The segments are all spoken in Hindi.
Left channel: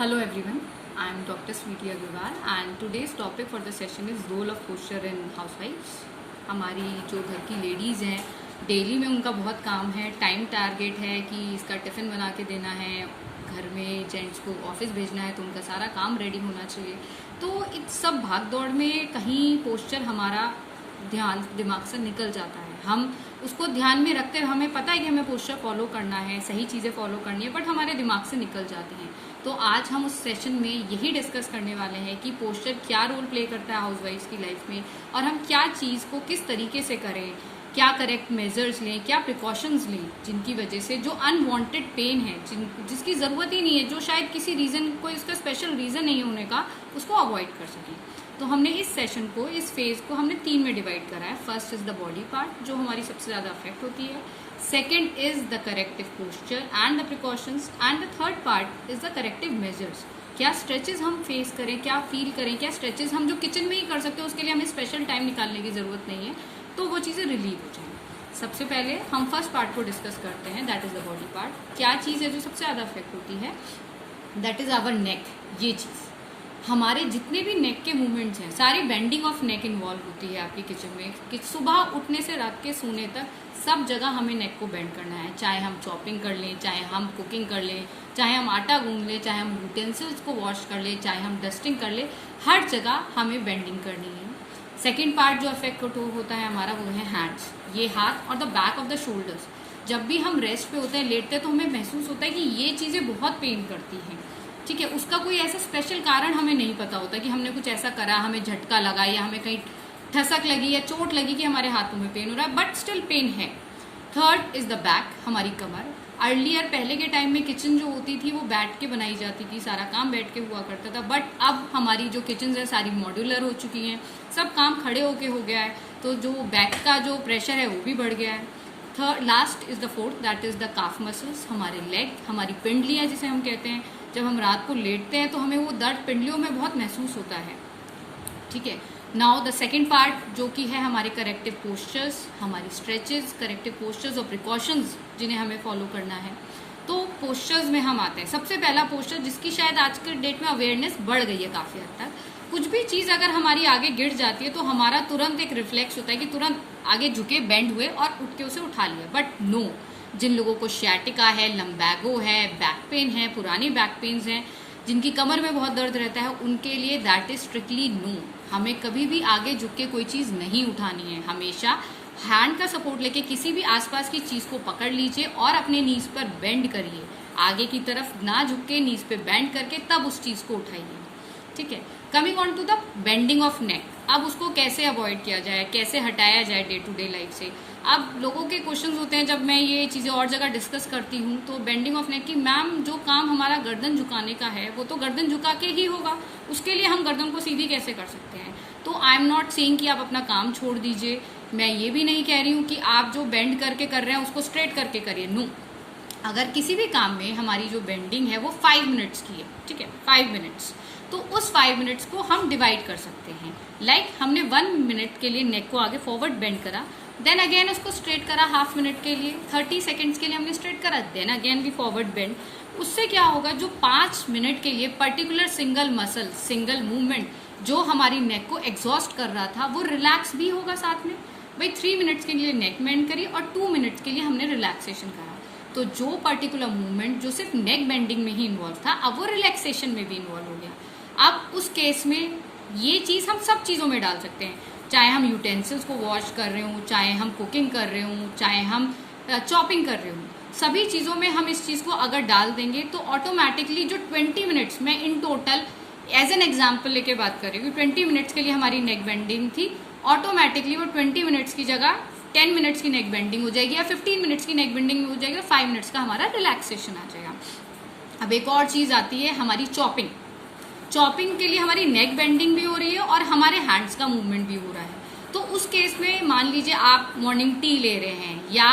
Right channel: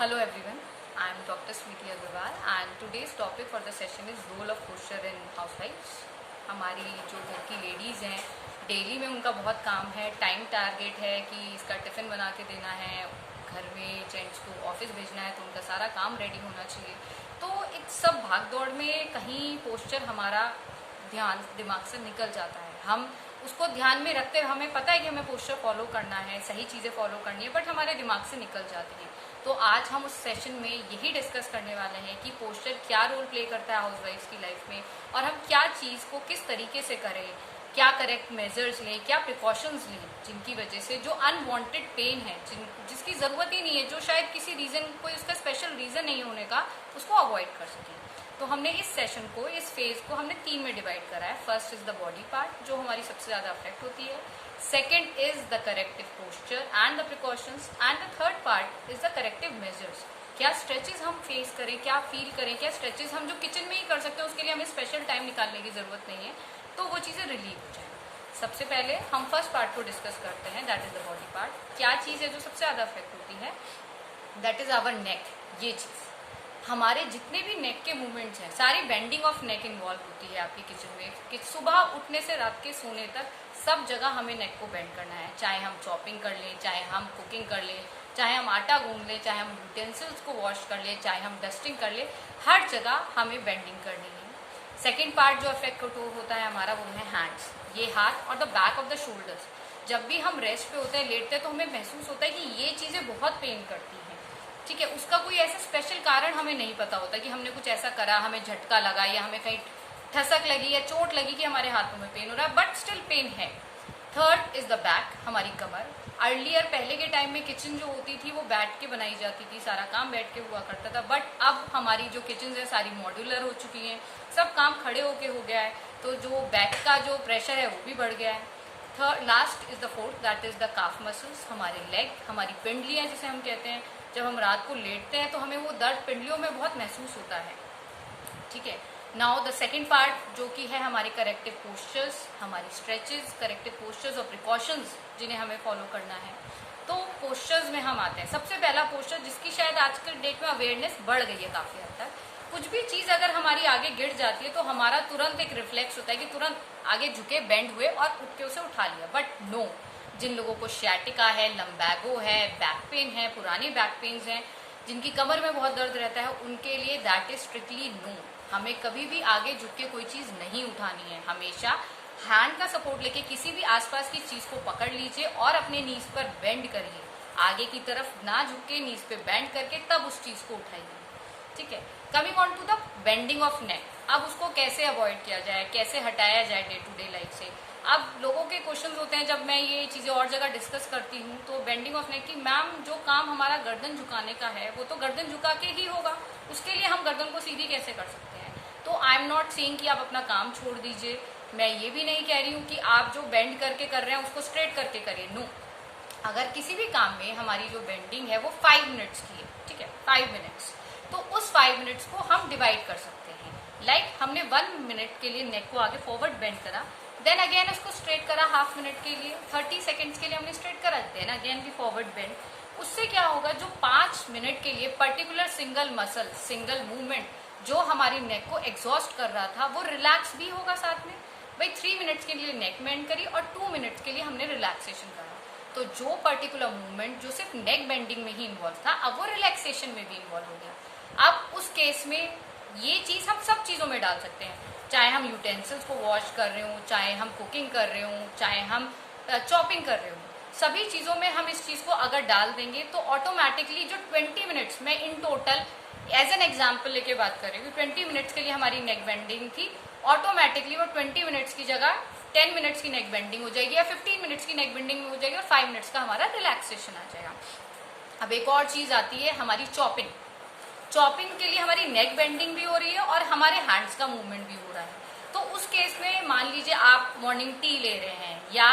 Hello everyone, I am Dr. Sweety Agarwal and today's topic for the session is role of posture in housewives. हमारी जो घर की लेडीज़ हैं डेली में उनका बहुत काम है, टाइम टारगेट है कि इसका टिफ़िन बना के देना है, घर में जेंट्स को ऑफिस भेजना है तो उनका सारा काम रेडी होना चाहिए। तो इस सब भाग दौड़ में कहीं पोस्चर हमारा ध्यान दिमाग से निकल जाता है। हम उसको ध्यान में रखते हुए हमें पता है कि हमें पोस्चर फॉलो करना है, सही चीज़ें फॉलो करनी है, बट हमारे दिमाग से निकल जाते हैं। तो आज हम उस सेशन में यही डिस्कस करने वाले हैं कि पोस्चर क्या रोल प्ले करता है हाउसवाइफ्स की लाइफ में और हम क्या चीज़ को किस तरीके से करें, क्या करेक्ट मेजर्स लें, क्या प्रिकॉशंस लें जिनकी वजह से जो अनवांटेड पेन है जिसकी ज़रूरत ही नहीं है, जो शायद किसी रीज़न कोई उसका स्पेशल रीज़न नहीं होने का, उसको अवॉइड कर सकें। तो हमने इस सेशन को, इस फेज को हमने 3 में डिवाइड करा है। First is the body part जो हमारी सबसे ज़्यादा अफेक्ट होती है, second is the corrective posture and the precautions and the third part is the corrective measures. क्या स्ट्रेचेस हम फेस करें, क्या फील करें, क्या स्ट्रेचेस हम जो किचन में ही कर सकते हैं उसके लिए हमें स्पेशल टाइम निकालने की ज़रूरत नहीं है, तो वो चीज़ें रिलीव हो जाएं। सबसे पहले हम फर्स्ट पार्ट को डिस्कस करते हैं, that is the body part. क्या चीज़ है जो सबसे ज़्यादा अफेक्ट होती है? दैट इज आवर नेक। ये चीज़, हमारे जितने भी नेक के मूवमेंट्स हैं, सारी बेंडिंग ऑफ नेक इन्वॉल्व होती है आपकी किचन में। कि सुबह उठने से रात के सोने तक सब जगह हमें नेक को बेंड करना है, चाहे हम चॉपिंग कर लें, चाहे हम कुकिंग कर लें, चाहे हम आटा गूंद लें, चाहे हम यूटेंसिल्स को वॉश कर लें, चाहे हम डस्टिंग कर लें, हर जगह हमें बेंडिंग करनी है। सेकेंड पार्ट जो अफेक्ट होता है हमारा, वो है हैंड्स। ये हाथ और the back of the shoulders. जब भी हम रेस्ट पे होते हैं, लेटते हैं, तो हमें महसूस होता है कि ये चीज़ें बहुत पेन करती हैं। ठीक है, उसका कोई ऐसा स्पेशल कारण हमें नहीं पता होता कि हमने कुछ ऐसा करा, हमें झटका लगा या हमें कहीं ठसक लगी या चोट लगी कि हमारे हाथों में पेन हो रहा है, बट स्टिल पेन है। थर्ड इज द बैक, हमारी कमर। अर्लियर पहले के टाइम में किचन जो होती थी वो बैठ के बनाई जाती थी, सारा काम बैठ के हुआ करता था, बट अब हमारी जो किचन है सारी मॉड्यूलर हो चुकी हैं, सब काम खड़े होके हो गया है, तो जो बैक का जो प्रेशर है वो भी बढ़ गया है। Third last is the fourth, that is the calf muscles, हमारे लेग, हमारी पिंडलियाँ जिसे हम कहते हैं। जब हम रात को लेटते हैं तो हमें वो दर्द पिंडलियों में बहुत महसूस होता है। ठीक है, नाउ द सेकेंड पार्ट जो कि है हमारे करेक्टिव पोस्चर्स, हमारी स्ट्रेचेस, करेक्टिव पोस्चर्स और प्रिकॉशंस जिन्हें हमें फॉलो करना है। तो पोस्चर्स में हम आते हैं। सबसे पहला पोस्चर जिसकी शायद आज के डेट में अवेयरनेस बढ़ गई है काफ़ी हद तक। कुछ भी चीज़ अगर हमारी आगे गिर जाती है तो हमारा तुरंत एक रिफ्लेक्स होता है कि तुरंत आगे झुके, बेंड हुए और उठ के उसे उठा लिया, बट नो। जिन लोगों को शैटिका है, लम्बैगो है, बैक पेन है, पुरानी बैक पेन्स हैं, जिनकी कमर में बहुत दर्द रहता है, उनके लिए दैट इज स्ट्रिक्टली नो। हमें कभी भी आगे झुक के कोई चीज़ नहीं उठानी है। हमेशा हैंड का सपोर्ट लेके किसी भी आसपास की चीज़ को पकड़ लीजिए और अपने नीज पर बेंड करिए। आगे की तरफ ना झुक के नीज पे बेंड करके तब उस चीज़ को उठाइए। ठीक है, coming on to the bending of neck. अब उसको कैसे अवॉइड किया जाए, कैसे हटाया जाए डे टू डे लाइफ से। अब लोगों के क्वेश्चंस होते हैं जब मैं ये चीज़ें और जगह डिस्कस करती हूँ, तो बेंडिंग ऑफ नेक की मैम जो काम हमारा गर्दन झुकाने का है वो तो गर्दन झुका के ही होगा, उसके लिए हम गर्दन को सीधी कैसे कर सकते हैं? तो आई एम नॉट सेइंग कि आप अपना काम छोड़ दीजिए। मैं ये भी नहीं कह रही हूँ कि आप जो बेंड करके कर रहे हैं उसको स्ट्रेट करके करिए, नो। अगर किसी भी काम में हमारी जो बेंडिंग है वो 5 मिनट्स की है, ठीक है, 5 मिनट्स, तो उस 5 मिनट्स को हम डिवाइड कर सकते हैं। लाइक हमने 1 मिनट के लिए नेक को आगे फॉरवर्ड बेंड करा, देन अगेन उसको स्ट्रेट करा हाफ मिनट के लिए, 30 सेकेंड्स के लिए हमने स्ट्रेट करा, देन अगेन भी फॉरवर्ड बेंड। उससे क्या होगा, जो 5 मिनट के लिए particular single muscle, single movement जो हमारी नेक को एग्जॉस्ट कर रहा था वो रिलैक्स भी होगा साथ में। भाई 3 मिनट्स के लिए नेक बेंड करी और 2 मिनट्स के लिए हमने रिलैक्सेशन करा, तो जो पर्टिकुलर मूवमेंट जो सिर्फ नेक बेंडिंग में ही इन्वॉल्व था, अब वो रिलैक्सेशन में भी इन्वॉल्व हो गया। अब उस केस में ये चीज़ हम सब चीज़ों में डाल सकते हैं, चाहे हम यूटेंसिल्स को वॉश कर रहे हों, चाहे हम कुकिंग कर रहे हों, चाहे हम चॉपिंग कर रहे हों, सभी चीज़ों में हम इस चीज़ को अगर डाल देंगे तो ऑटोमेटिकली जो 20 मिनट्स में in total as an example लेके बात कर रही हूँ, 20 मिनट्स के लिए हमारी नेक बेंडिंग थी, ऑटोमेटिकली वो 20 मिनट्स की जगह 10 मिनट्स की नेक बेंडिंग हो जाएगी या 15 मिनट्स की नेक बेंडिंग हो जाएगी और 5 मिनट्स का हमारा रिलैक्सेशन आ जाएगा। अब एक और चीज़ आती है हमारी चॉपिंग। चॉपिंग के लिए हमारी नेक बेंडिंग भी हो रही है और हमारे हैंड्स का मूवमेंट भी हो रहा है। तो उस केस में मान लीजिए आप मॉर्निंग टी ले रहे हैं या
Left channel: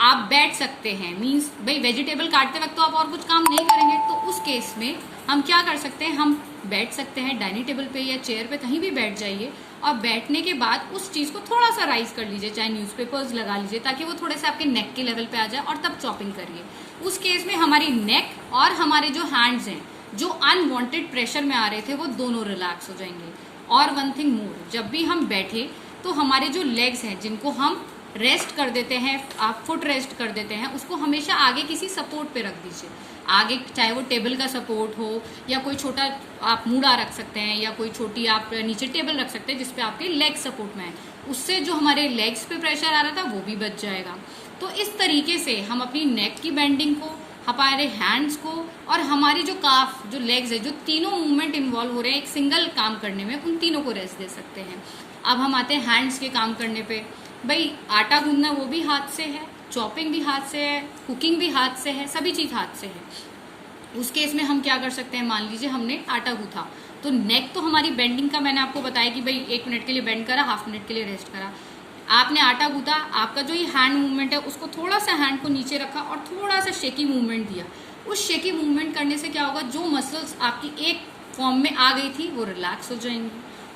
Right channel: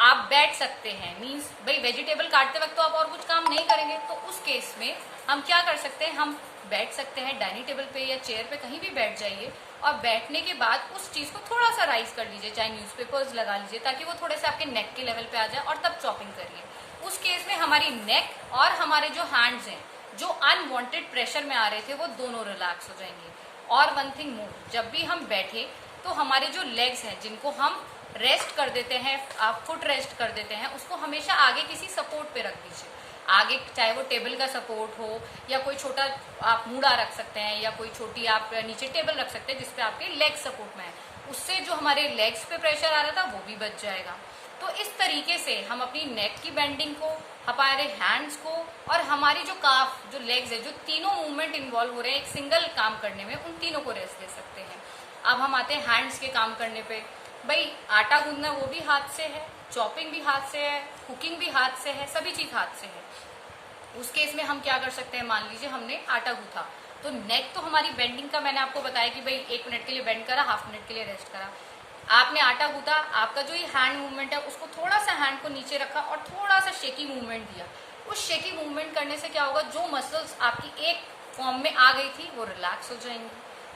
आप बैठ सकते हैं, मीन्स भाई वेजिटेबल काटते वक्त तो आप और कुछ काम नहीं करेंगे, तो उस केस में हम क्या कर सकते हैं, हम बैठ सकते हैं डाइनिंग टेबल पे या चेयर पे, कहीं भी बैठ जाइए और बैठने के बाद उस चीज़ को थोड़ा सा राइज कर लीजिए, चाहे न्यूज़पेपर्स लगा लीजिए ताकि वो थोड़े से आपके नेक के लेवल पे आ जाए और तब चॉपिंग करिए। उस केस में हमारी नेक और हमारे जो हैंड्स हैं जो अनवांटेड प्रेशर में आ रहे थे वो दोनों रिलैक्स हो जाएंगे। और वन थिंग मोर, जब भी हम बैठे तो हमारे जो लेग्स हैं जिनको हम रेस्ट कर देते हैं, आप फुट रेस्ट कर देते हैं, उसको हमेशा आगे किसी सपोर्ट पे रख दीजिए। आगे चाहे वो टेबल का सपोर्ट हो या कोई छोटा आप मूड़ा रख सकते हैं या कोई छोटी आप नीचे टेबल रख सकते हैं जिसपे आपके लेग सपोर्ट में है। उससे जो हमारे लेग्स पे प्रेशर आ रहा था वो भी बच जाएगा। तो इस तरीके से हम अपनी नेक की बेंडिंग को, हमारे हैंड्स को और हमारी जो काफ, जो लेग्स है, जो तीनों मूवमेंट इन्वॉल्व हो रहे हैं एक सिंगल काम करने में, उन तीनों को रेस्ट दे सकते हैं। अब हम आते हैं हैंड्स के काम करने पे। भाई आटा गूंदना वो भी हाथ से है, चॉपिंग भी हाथ से है, कुकिंग भी हाथ से है, सभी चीज हाथ से है। उस केस में हम क्या कर सकते हैं, मान लीजिए हमने आटा गूंथा तो नेक तो हमारी बेंडिंग का मैंने आपको बताया कि भाई 1 मिनट के लिए बेंड करा, हाफ मिनट के लिए रेस्ट करा। आपने आटा गूंथा, आपका जो ये हैंड मूवमेंट है उसको थोड़ा सा हैंड को नीचे रखा और थोड़ा सा शेकी मूवमेंट दिया। उस शेकी मूवमेंट करने से क्या होगा, जो मसल्स आपकी एक फॉर्म में आ गई थी वो रिलैक्स हो जाएंगी।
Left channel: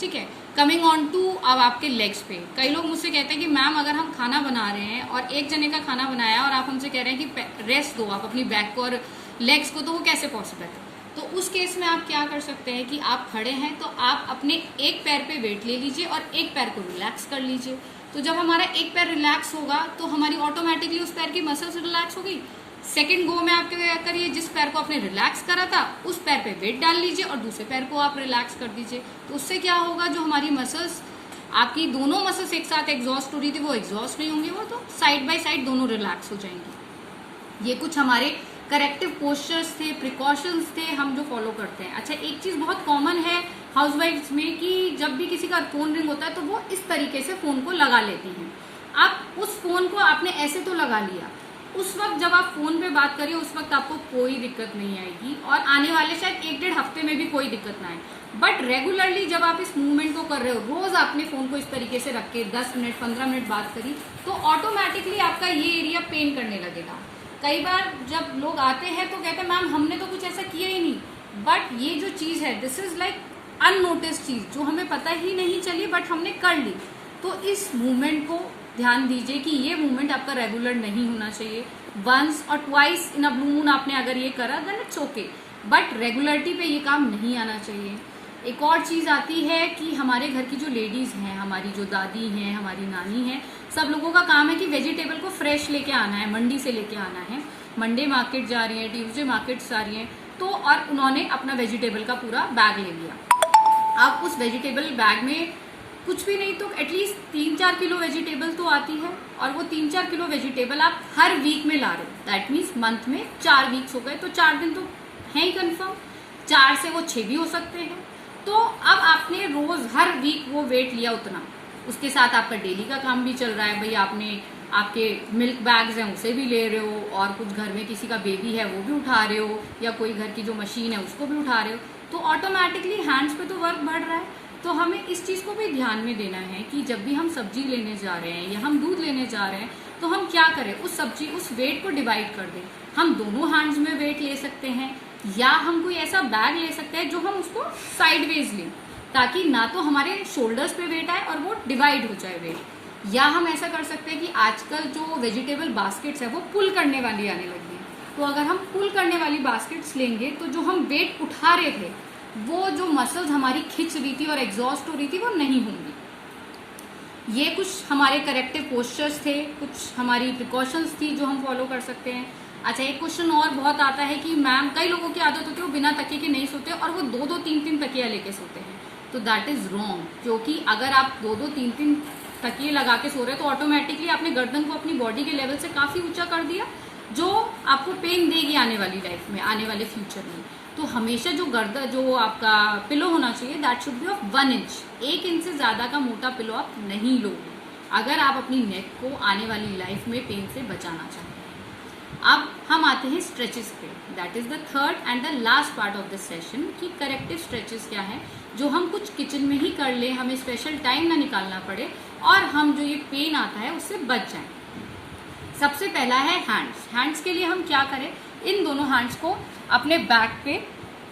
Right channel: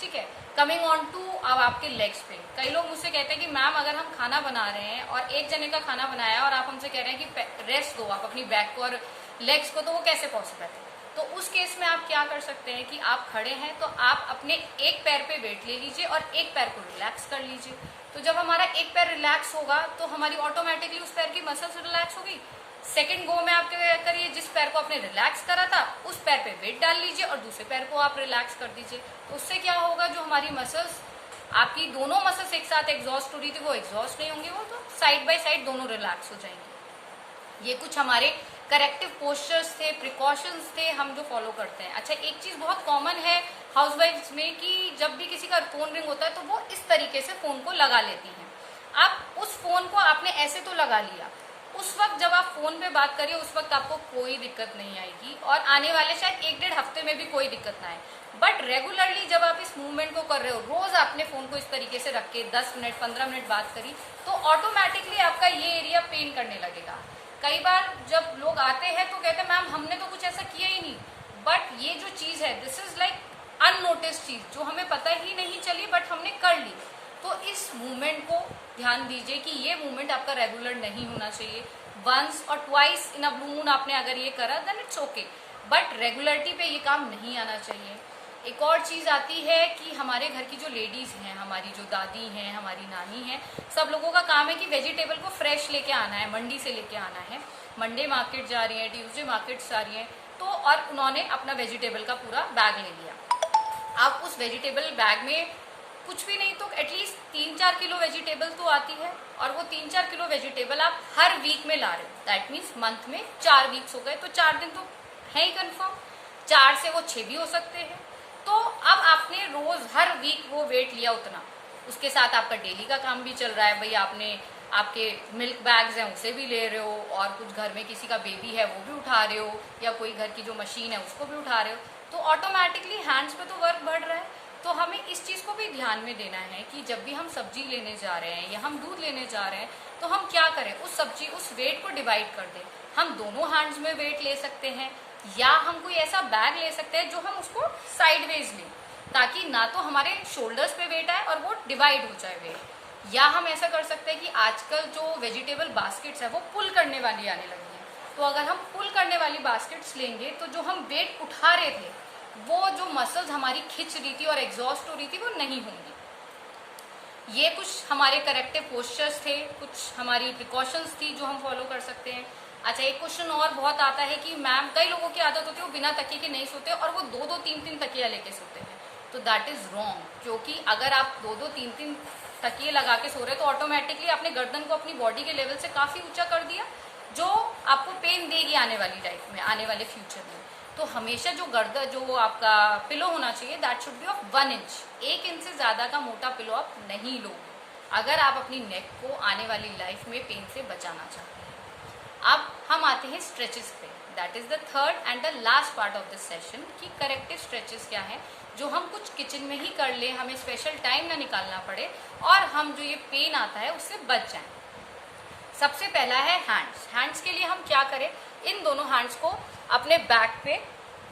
ठीक है, कमिंग ऑन टू अब आपके लेग्स पे। कई लोग मुझसे कहते हैं कि मैम अगर हम खाना बना रहे हैं और एक जने का खाना बनाया और आप हमसे कह रहे हैं कि रेस्ट दो आप अपनी बैक को और लेग्स को, तो वो कैसे पॉसिबल है। तो उस केस में आप क्या कर सकते हैं कि आप खड़े हैं तो आप अपने एक पैर पे वेट ले लीजिए और एक पैर को रिलैक्स कर लीजिए। तो जब हमारा एक पैर रिलैक्स होगा तो हमारी ऑटोमेटिकली उस पैर की मसल्स रिलैक्स होगी। सेकंड गो में आप क्या करिए, जिस पैर को आपने रिलैक्स करा था उस पैर पे वेट डाल लीजिए और दूसरे पैर को आप रिलैक्स कर दीजिए। तो उससे क्या होगा, जो हमारी मसल्स, आपकी दोनों मसल्स एक साथ एग्जॉस्ट हो रही थी वो एग्जॉस्ट नहीं होंगी, वो तो साइड बाय साइड दोनों रिलैक्स हो जाएंगी। ये कुछ हमारे करेक्टिव पोस्चर्स थे, प्रिकॉशंस थे हम जो फॉलो करते हैं। अच्छा, एक चीज बहुत कॉमन है हाउसवाइफ्स में कि जब भी किसी का फोन रिंग होता है तो वो इस तरीके से फोन को लगा लेती हैं। आप उस फोन को आपने ऐसे तो लगा लिया, उस वक्त जब आप फोन पे बात करिए उस वक्त आपको कोई दिक्कत नहीं आएगी और आने वाले शायद 1-1.5 हफ्ते में भी कोई दिक्कत ना आए। बट रेगुलरली जब आप इस मूवमेंट को कर रहे हो, रोज आपने फोन को इस तरीके से रख के 10 मिनट 15 मिनट बात करी तो ऑटोमेटिकली आपका ये एरिया पेन करने लगेगा। कई बार जब लोग आते हैं तो कहते हैं मैम हमने तो कुछ ऐसा किया ही नहीं, बट ये जो चीज है दिस इज लाइक अननोटिस चीज जो हमें पता ही नहीं चली बट हमने कर ली। तो इस मूवमेंट को ध्यान दीजिए कि ये मूवमेंट आपका रेगुलर नहीं होना चाहिए। वंस और twice in a blue moon आपने अगर ये करा then it's okay, but regularity पे ये काम नहीं आना चाहिए। एक और चीज आती है कि हमारे घर की जो लेडीज हैं, हमारी जो दादी हैं, हमारी नानी हैं, सब लोगों का काम है कि वेजिटेबल को फ्रेश लेके आना है, मंडी से लेके आना है। मंडे मार्केट जा रही है, ट्यूसडे मार्केट जा रही है, तो और उन्होंने अपना वेजिटेबल का पूरा बैग ले लिया। अब उस वेजिटेबल बैग में कुछ भी नहीं तो एटलीस्ट 3-4 किलो वेजिटेबल तो आती है और वो 3-4 किलो वेजिटेबल आप हर वीक में ला रहे हो। दैट मीन्स मंथ में 4 वीक्स हो गए तो 4 दिन तो है ही कंफर्म, 4 से वो 6 भी हो सकते हैं। तो अब आपने रोज हर वीक वो वेट लिया उतना, उसके साथ आपका डेली का काम भी चल रहा है। भाई आपने आपके मिल्क बैग्स हैं उसे भी ले रहे हो और कुछ घर में किसी का बेबी है वो भी उठा रहे हो या कोई घर की जो मशीन है उसको भी उठा रहे हो, तो ऑटोमेटिकली हैंड्स पे तो वर्क बढ़ रहा है। तो हमें इस चीज को भी ध्यान में देना है कि जब भी हम सब्जी लेने जा रहे हैं या हम दूध लेने जा रहे हैं तो हम क्या करें, उस सब्जी उस वेट को डिवाइड कर दें। हम दोनों हैंड्स में वेट ले सकते हैं या हम कोई ऐसा बैग ले सकते हैं जो हम उसको साइडवेज लें ताकि ना तो हमारे शोल्डर्स पे वेट आए और वो डिवाइड हो जाए वेट। या हम ऐसा कर सकते हैं कि आजकल जो वेजिटेबल बास्केट्स है वो पुल करने वाली आने लगी है, तो अगर हम पुल करने वाली बास्केट्स लेंगे तो जो हम वेट उठा रहे थे वो जो मसल्स हमारी खिंच रही थी और एग्जॉस्ट हो रही थी वो नहीं होंगी। ये कुछ हमारे करेक्टिव पोस्चर्स थे, कुछ हमारी प्रिकॉशंस थी जो हम फॉलो कर सकते हैं। अच्छा, एक क्वेश्चन और बहुत आता है कि मैम कई लोगों की आदत होती है वो बिना तकिए के नहीं सोते और वो 2-2 3-3 तकिया लेके सोते हैं, तो दैट इज रॉन्ग। क्योंकि अगर आप 2-2 3-3 तकिए लगा के सो रहे तो ऑटोमेटिकली आपने गर्दन को अपनी बॉडी के लेवल से काफी ऊंचा कर दिया जो आपको पेन देगी आने वाली लाइफ में, आने वाले फ्यूचर में। तो हमेशा जो गर्दन जो आपका पिलो होना चाहिए that should be of 1 inch, 1 inch से ज्यादा का मोटा पिलो आप नहीं लोगे अगर आप अपनी नेक को आने वाली लाइफ में पेन से बचाना चाहते हैं। अब हम आते हैं स्ट्रेचेस पे, that is the third and the last part of this session कि करेक्टिव स्ट्रेचेस क्या है जो हम कुछ किचन में ही कर ले, हमें स्पेशल टाइम ना निकालना पड़े और हम जो ये पेन आता है उससे बच जाएं। सबसे पहला है हैंड्स। हैंड्स के लिए हम क्या करें, इन दोनों हैंड्स को अपने बैक पे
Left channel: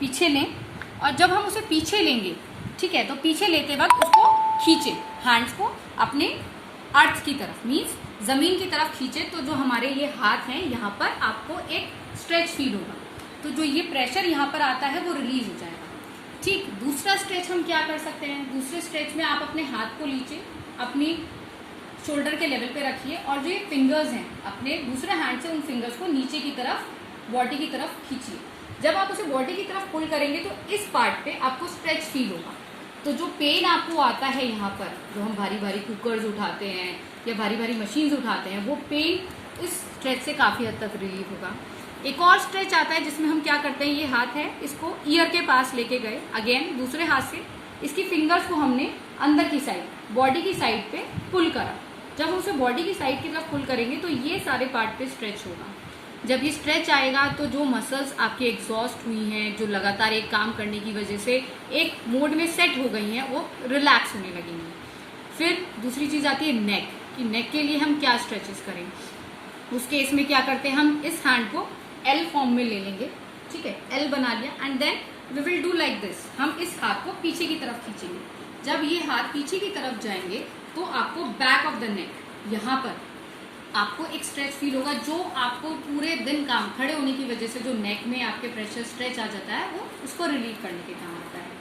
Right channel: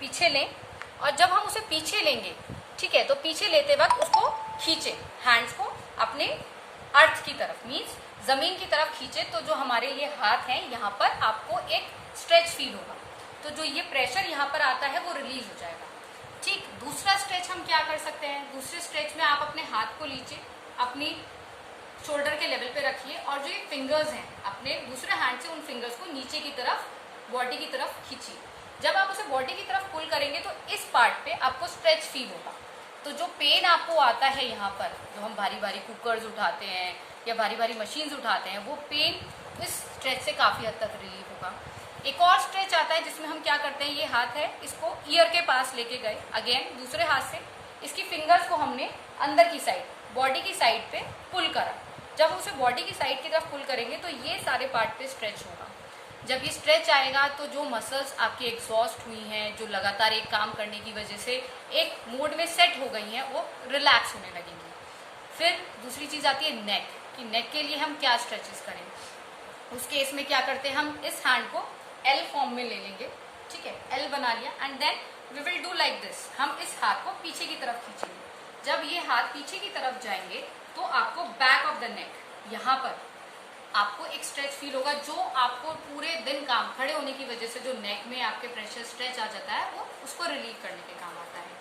पीछे लें और जब हम उसे पीछे लेंगे, ठीक है, तो पीछे लेते वक्त उसको खींचे, हैंड्स को अपने अर्थ की तरफ मीन्स जमीन की तरफ खींचे, तो जो हमारे ये हाथ हैं यहाँ पर आपको एक स्ट्रेच फील होगा। तो जो ये प्रेशर यहाँ पर आता है वो रिलीज हो जाएगा। ठीक, दूसरा स्ट्रेच हम क्या कर सकते हैं, दूसरे स्ट्रेच में आप अपने हाथ को नीचे अपनी शोल्डर के लेवल पे रखिए और जो ये फिंगर्स हैं अपने दूसरे हैंड से उन फिंगर्स को नीचे की तरफ बॉडी की तरफ खींचिए। जब आप उसे बॉडी की तरफ पुल करेंगे तो इस पार्ट पे आपको स्ट्रेच फील होगा। तो जो पेन आपको आता है यहाँ पर, जो हम भारी भारी कुकर्स उठाते हैं या भारी भारी मशीन्स उठाते हैं, वो पेन इस स्ट्रेच से काफी हद तक रिलीफ होगा। एक और स्ट्रेच आता है जिसमें हम क्या करते हैं, ये हाथ है, इसको ईयर के पास लेके गए, अगेन दूसरे हाथ से इसकी फिंगर्स को हमने अंदर की साइड बॉडी की साइड पे पुल करा। जब उसे बॉडी की साइड की तरफ पुल करेंगे तो ये सारे पार्ट पे स्ट्रेच होगा। जब ये स्ट्रेच आएगा तो जो मसल्स आपकी एग्जॉस्ट हुई हैं, जो लगातार एक काम करने की वजह से एक मोड में सेट हो गई हैं, वो रिलैक्स होने लगेंगी। फिर दूसरी चीज आती है नेक, कि नेक के लिए हम क्या स्ट्रेचेस करें। उस केस में क्या करते हैं, हम इस हैंड को एल फॉर्म में ले लेंगे, ठीक है, एल बना लिया, and then we will do like this. हम इस हाथ को पीछे की तरफ खींचेंगे। जब ये हाथ पीछे की तरफ जाएंगे तो आपको बैक ऑफ द नेक, यहाँ पर आपको एक स्ट्रेच फील होगा, जो आपको पूरे दिन काम खड़े होने की वजह से जो नेक में आपके प्रेशर स्ट्रेच आ जाता है, वो उसको रिलीव करने के काम आता है।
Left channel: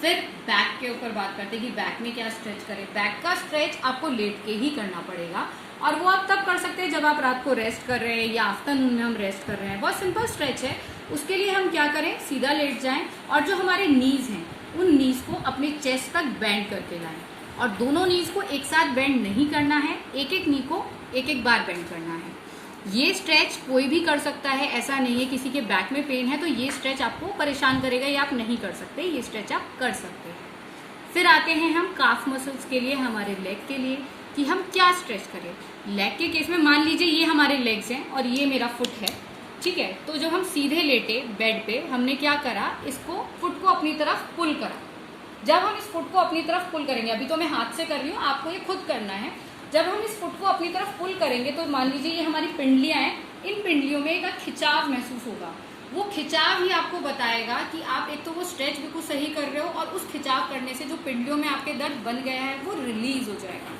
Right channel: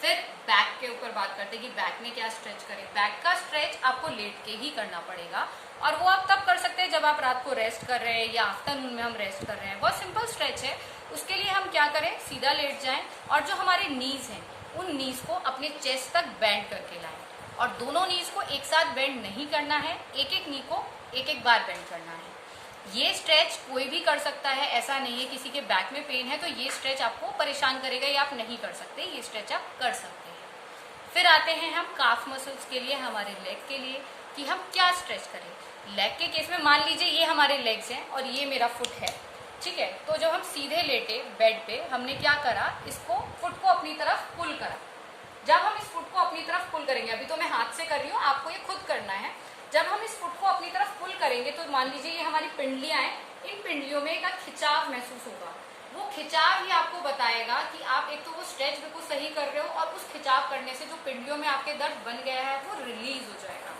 फिर बैक के ऊपर बात करते हैं कि बैक में क्या स्ट्रेच करें। बैक का स्ट्रेच आपको लेट के ही करना पड़ेगा, और वो आप तब कर सकते हैं जब आप रात को रेस्ट कर रहे हैं या आफ्टरनून में हम रेस्ट कर रहे हैं। बहुत सिंपल स्ट्रेच है। उसके लिए हम क्या करें, सीधा लेट जाएं और जो हमारे नीज हैं उन नीज को अपने चेस्ट तक बेंड करके लाएं, और दोनों नीज को एक साथ बेंड नहीं करना है, एक एक नी को एक एक बार बेंड करना है। ये स्ट्रेच कोई भी कर सकता है, ऐसा नहीं है किसी के बैक में पेन है तो ये स्ट्रेच आपको परेशान करेगा या आप नहीं कर सकते, ये स्ट्रेच आप कर सकते हैं। फिर आते हैं हम काफ मसल्स के लिए, हमारे लेग के लिए, कि हम क्या स्ट्रेच करें। लेग के केस में मान लीजिए ये हमारे लेग्स हैं और ये मेरा फुट है, ठीक है, तो जब हम सीधे लेटे बेड पे, हमने क्या करा, इसको फुट को अपनी तरफ पुल करा। जब हम इस फुट को अपनी तरफ पुल करेंगे, अभी तो मैं हाथ से कर रही हूँ, आपको ये खुद करना है। जब हम इस फुट को अपनी तरफ पुल करेंगे तो मान लीजिए ये हमारी पिंडलियां हैं, इन पिंडलियों में एक खिंचाव महसूस होगा। वो खिंचाव ही आपको बताएगा कि आप एक तो वो स्ट्रेच बिल्कुल सही कर रहे हो, और उस खिंचाव करने से जो पिंडलियों में आपके दर्द बन गया है वो रिलीज हो जाएगा।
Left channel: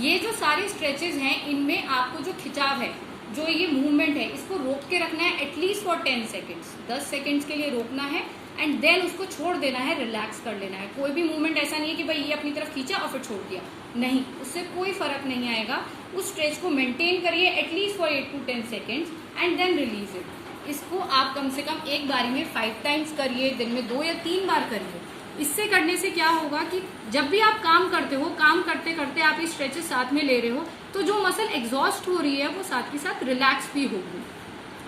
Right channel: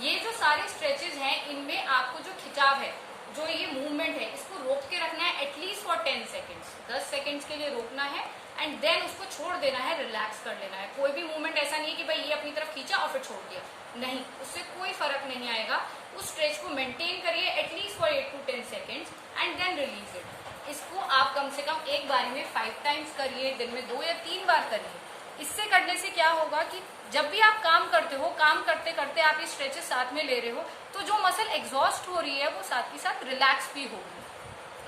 ये जो सारे स्ट्रेचेस हैं, इनमें आपको जो खिंचाव है, जो ये मूवमेंट है, इसको रोक के रखना है एटलीस्ट फॉर 10 सेकेंड्स, 10 सेकेंड्स के लिए रोकना है, एंड देन उसको छोड़ देना है, रिलैक्स कर लेना है। कोई भी मूवमेंट ऐसा नहीं है कि भाई ये अपनी तरफ खींचा और फिर छोड़ दिया, नहीं, उससे कोई फर्क नहीं आएगा। उस स्ट्रेच को मेंटेन करिए at least for 8 to 10 seconds and then release it. इसको आप कम से कम एक बारी में 5 टाइम्स करिए, दिन में 2 या 3 बार करिए। इससे करने से क्या होगा कि जब भी आप काम करते हो, काम करते करते आप ये स्ट्रेचेस साथ में ले रहे हो, तो जो मसल एग्जॉस्ट हो रही है वो साथ के साथ रिलैक्स भी होगी।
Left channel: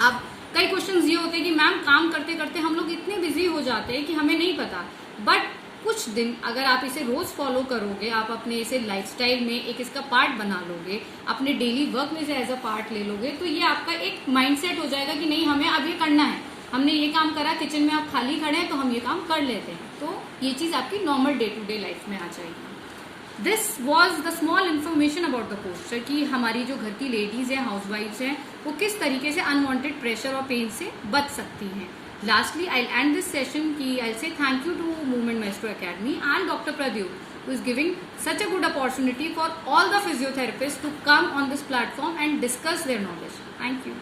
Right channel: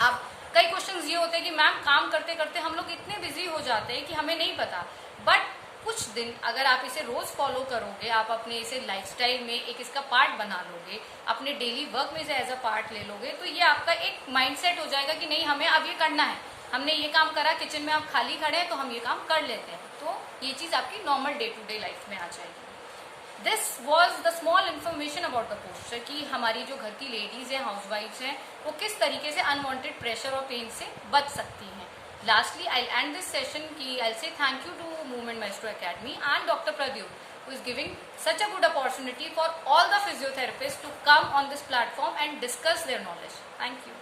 अब कई क्वेश्चंस ये होते हैं कि मैम काम करते करते हम लोग इतने बिजी हो जाते हैं कि हमें नहीं पता, बट कुछ दिन अगर आप इसे रोज फॉलो करोगे, आप अपने इसे लाइफस्टाइल में एक इसका पार्ट बना लोगे, अपने डेली वर्क में से एज अ पार्ट ले लोगे, तो ये आपका एक माइंडसेट हो जाएगा कि नहीं, हमें अब ये करना है। हमने ये काम करा, किचन में आप खाली खड़े हैं तो हम ये काम कर लेते हैं, तो ये चीज आपकी normal day to day life में आ जाएगी। This was the small information about the posture, कि हमारी जो घर की लेडीज हैं, हाउस वाइफ्स हैं, वो किस तरीके से अनवांटेड प्रेशर और पेन से बच सकती हैं। Lastly, I'll end this session कि I'll say thank you to Movement Maestro Academy and Dr. Pradyut, who is giving such a good opportunity for all the physiotherapists to come on this platform and discuss their knowledge. Thank you.